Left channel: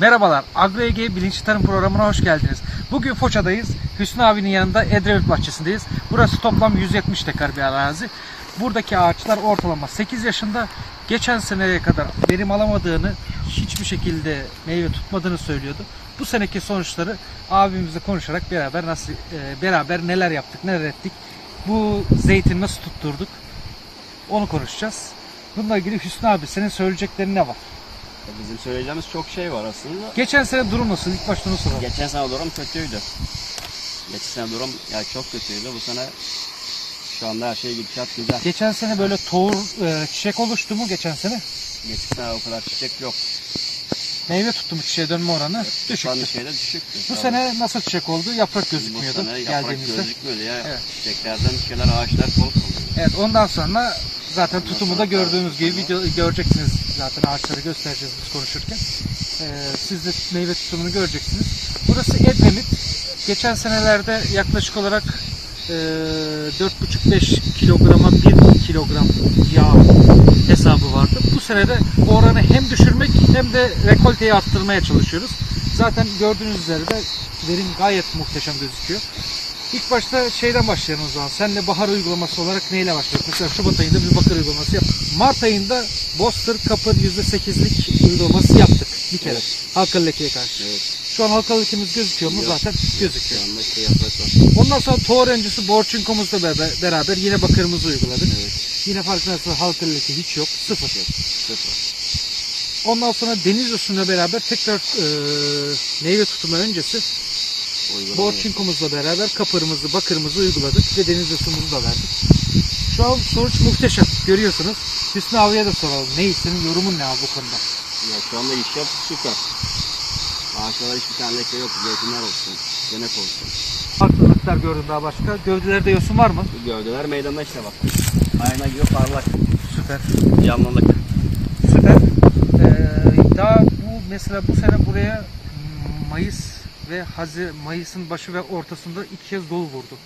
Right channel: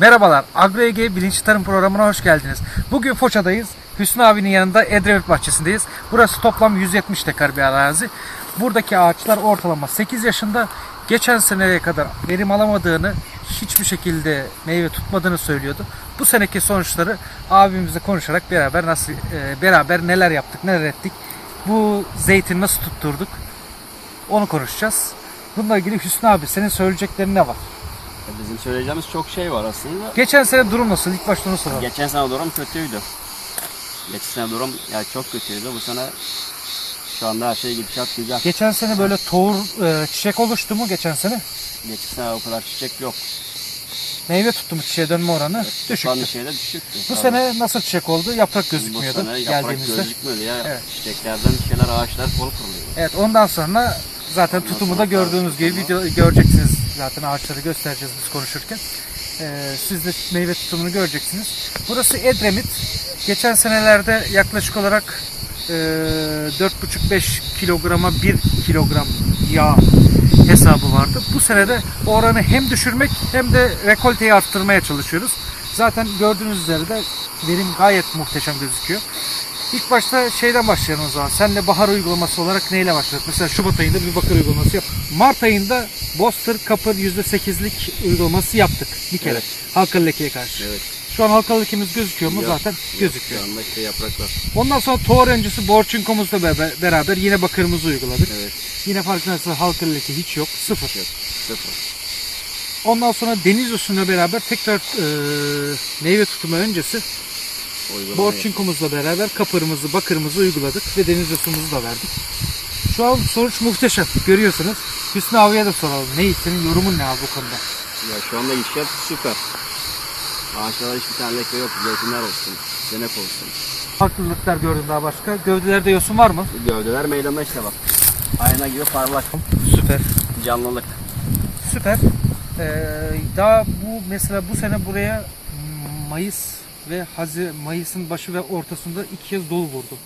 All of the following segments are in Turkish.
Merhabalar, AgroEge Bilinçli Tarım programına hoş geldiniz. Bugün Foça'dayız. Hüsnü abinin yanında Edremit bahçesindeyiz. Burası toplam 170 dekar bir arazi. Buradaki ağaçlar ortalama 8 yaşında. Geçen seneye kadar verim alamadığını, hiçbir şekilde meyve tutmadığını söylüyordu. Bu seneki sonuçları abimizle konuşarak beraber neler yaptık, neler ettik, bu zeytini nasıl tutturduk onu konuşacağız. Bununla ilgili Hüsnü abi, senin söyleyeceklerin ne var? Bizim söyleyeceğimiz çok şey var aslında. Geçen sene durum nasıl? İlk başta onu soralım. Geçen sene durum kötüydü. Geçen sene durum yani çok kötüydü. Bu sene şu anda her şey gidecek güzel. Geçen sene böyle tohum, çiçek oluştu mu geçen sene? Geçen sene o kadar çiçek yok. Meyve tuttu mu, çiçeğe dönme oranı düşüktü. Düşüktü. Bu sene nasıl çiçek oldu? Yaprak gözükmüyordu bu sene yaprak geldiğimizde. gözükmüyordu ya. Evet. Çiçeklerden şeyler, ağaçlar kol kırılıyor. Evet, ondan sonra zaten tutumu da gördüğünüz gibi video göreceksiniz, zaten ağaçları göstereceğiz biz konuşurken. Siz de meyve tutumunu göreceksiniz. Burası Edremit. Geçen senelerde yaklaşık olarak 4,5-5 kilograma 1 kilogram yağ hesabı vardı. Bu sene de oranı hem düşürmek hem de rekolteyi arttırmaya çalışıyoruz. Zaten gördüğünüz üzere de verim gayet muhteşem gözüküyor. İlk başta şeyden başlayalım o zaman. Senle bahar uygulaması olarak neyle başladık? Mesela Şubat ayında bir bakır uygulaması yaptık. Mart ayında Boster Kapır %8'lik uygulaması yaptık bir kere. Evet. Halkalı lekeye karşı. Evet. Şu an halkalı lekemiz gözüküyor mu? Zaten gözüküyor. Şu anda işte yapraklar. Ondan sonra tohum öncesi Borçinko'muzla beraber yine bakırımızı uyguladık. Evet. Yine farkındaysanız halkalı leke hiç yok. Sıfır. Ondan sonra deniz yosunuyla beraber tekrar meyve tutumu öncesi Borçinko'muzla beraber kapırımızı, bakırımızı uyguladık ve deniz yosunumuzu da verdik. Şu an sonuç muhteşem. Görüyorsunuz. Hüsnü abiye de soralım. Senin yorumun ne abi bu konuda? Ya şu anda işler süper. Ağaçlara hiçbir tane leke yok. Zeytinler olsun, denek olsun. Farklılıklar gördün daha başka. Gövdelerde yosun var mı? Gövdeler meydanda işte bak. Ayna gibi parlak. Süper. Canlılık. Süper. Daha mesela bu sene buraya Mayıs ve Mayıs'ın başı ve ortasında 2 kez dolu vurdu.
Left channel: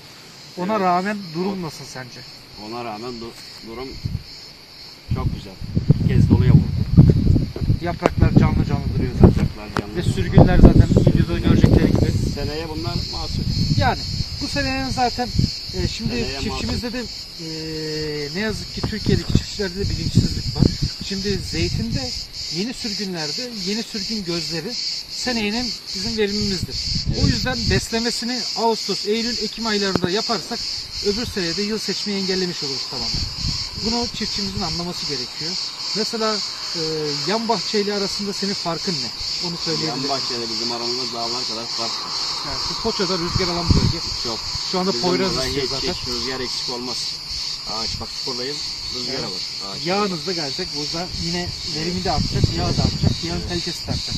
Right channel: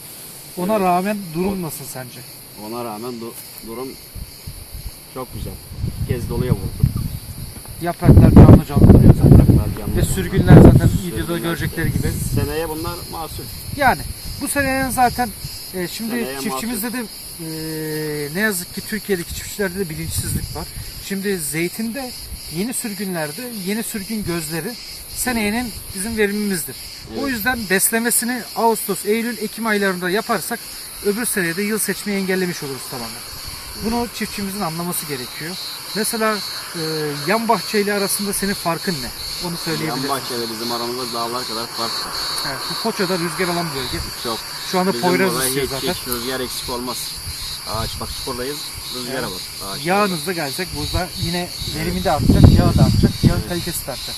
Ona rağmen durum nasıl sence? Ona rağmen durum çok güzel. 2 kez doluya vurdu. Yapraklar canlı duruyor zaten. Ve sürgünler zaten videoda görecekleri gibi. Seneye bunlar mahsul. Yani bu senenin zaten şimdi seneye çiftçimizde de ne yazık ki Türkiye'deki çiftçilerde de bilinçsizlik var. Şimdi zeytinde yeni sürgünlerde yeni sürgün gözleri seneyenin bizim verimimizdir. Evet. O yüzden beslemesini Ağustos, Eylül, Ekim aylarında yaparsak öbür seneye de yıl seçmeyi engellemiş oluruz tamamen. Bunu çiftçimizin anlaması gerekiyor. Mesela yan bahçeyle arasında senin farkın ne? Onu söyleyebilirsin. Yan bahçeyle bizim aramızda dağlar kadar fark var. Evet, bu Foça'da rüzgar alan bölge. Çok. Şu anda Poyraz istiyor zaten. Hiç rüzgar eksik olmaz. Ağaç bak buradayız. Rüzgara bak. Yağınız da gelecek. Burada yine verimi de artacak, yağı da artacak, yağın kalitesi de artacak.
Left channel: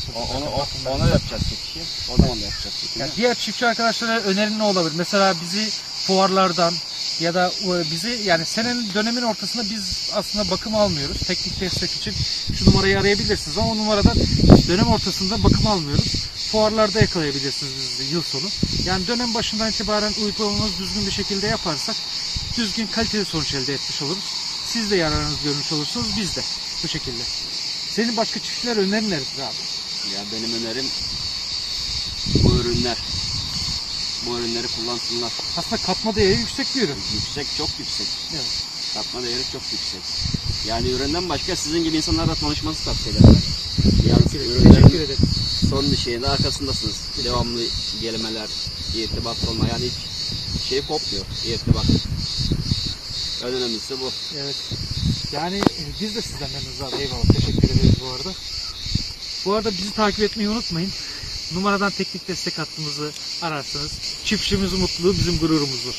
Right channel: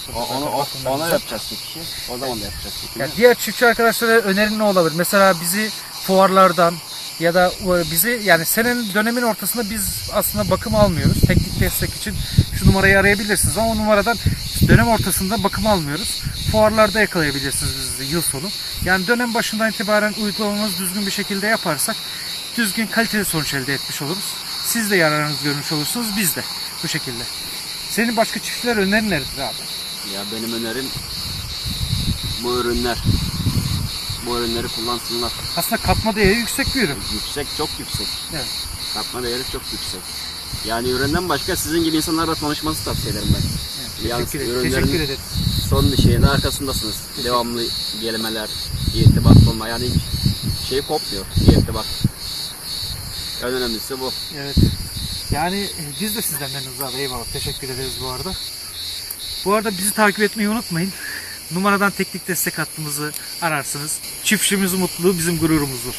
Onu yapacağız çiftçi. O zaman da yapacağız çiftçi. Yani diğer çiftçi arkadaşlara önerin ne olabilir? Mesela bizi fuarlardan ya da bizi, yani senenin dönemin ortasında biz aslında bakım almıyoruz. Teknik destek için şu numarayı arayabilirsiniz ama o numaradan dönem ortasında bakım almıyoruz. Fuarlarda yakalayabilirsiniz bizi yıl sonu. Yani dönem başından itibaren uygulamamızı düzgün bir şekilde yaparsak düzgün kaliteli sonuç elde etmiş oluruz. Siz de yararınızı görmüş olursunuz, biz de bu şekilde. Senin başka çiftçiler önerin nedir abi? Ya benim önerim bu ürünleri kullansınlar. Aslında katma değeri yüksek bir ürün. Yüksek, çok yüksek. Evet. Katma değeri çok yüksek. Yani üründen başka sizin gibi insanlarla tanışmanızı tavsiye ederim ben. Yani teşekkür ederim. Son bir şeyin arkasındasınız. Devamlı gelmeler, irtibat olma, yani hiç şey kopmuyor. İrtibat. En önemlisi bu. Evet. Yani biz de sizden memnunuz abi. Eyvallah. Teşekkür ederiz bu arada. Bu arada bizi takip etmeyi unutmayın. Numaradan teknik destek hattımızı ararsınız. Çiftçimizin mutluluğu bizim gururumuzdur.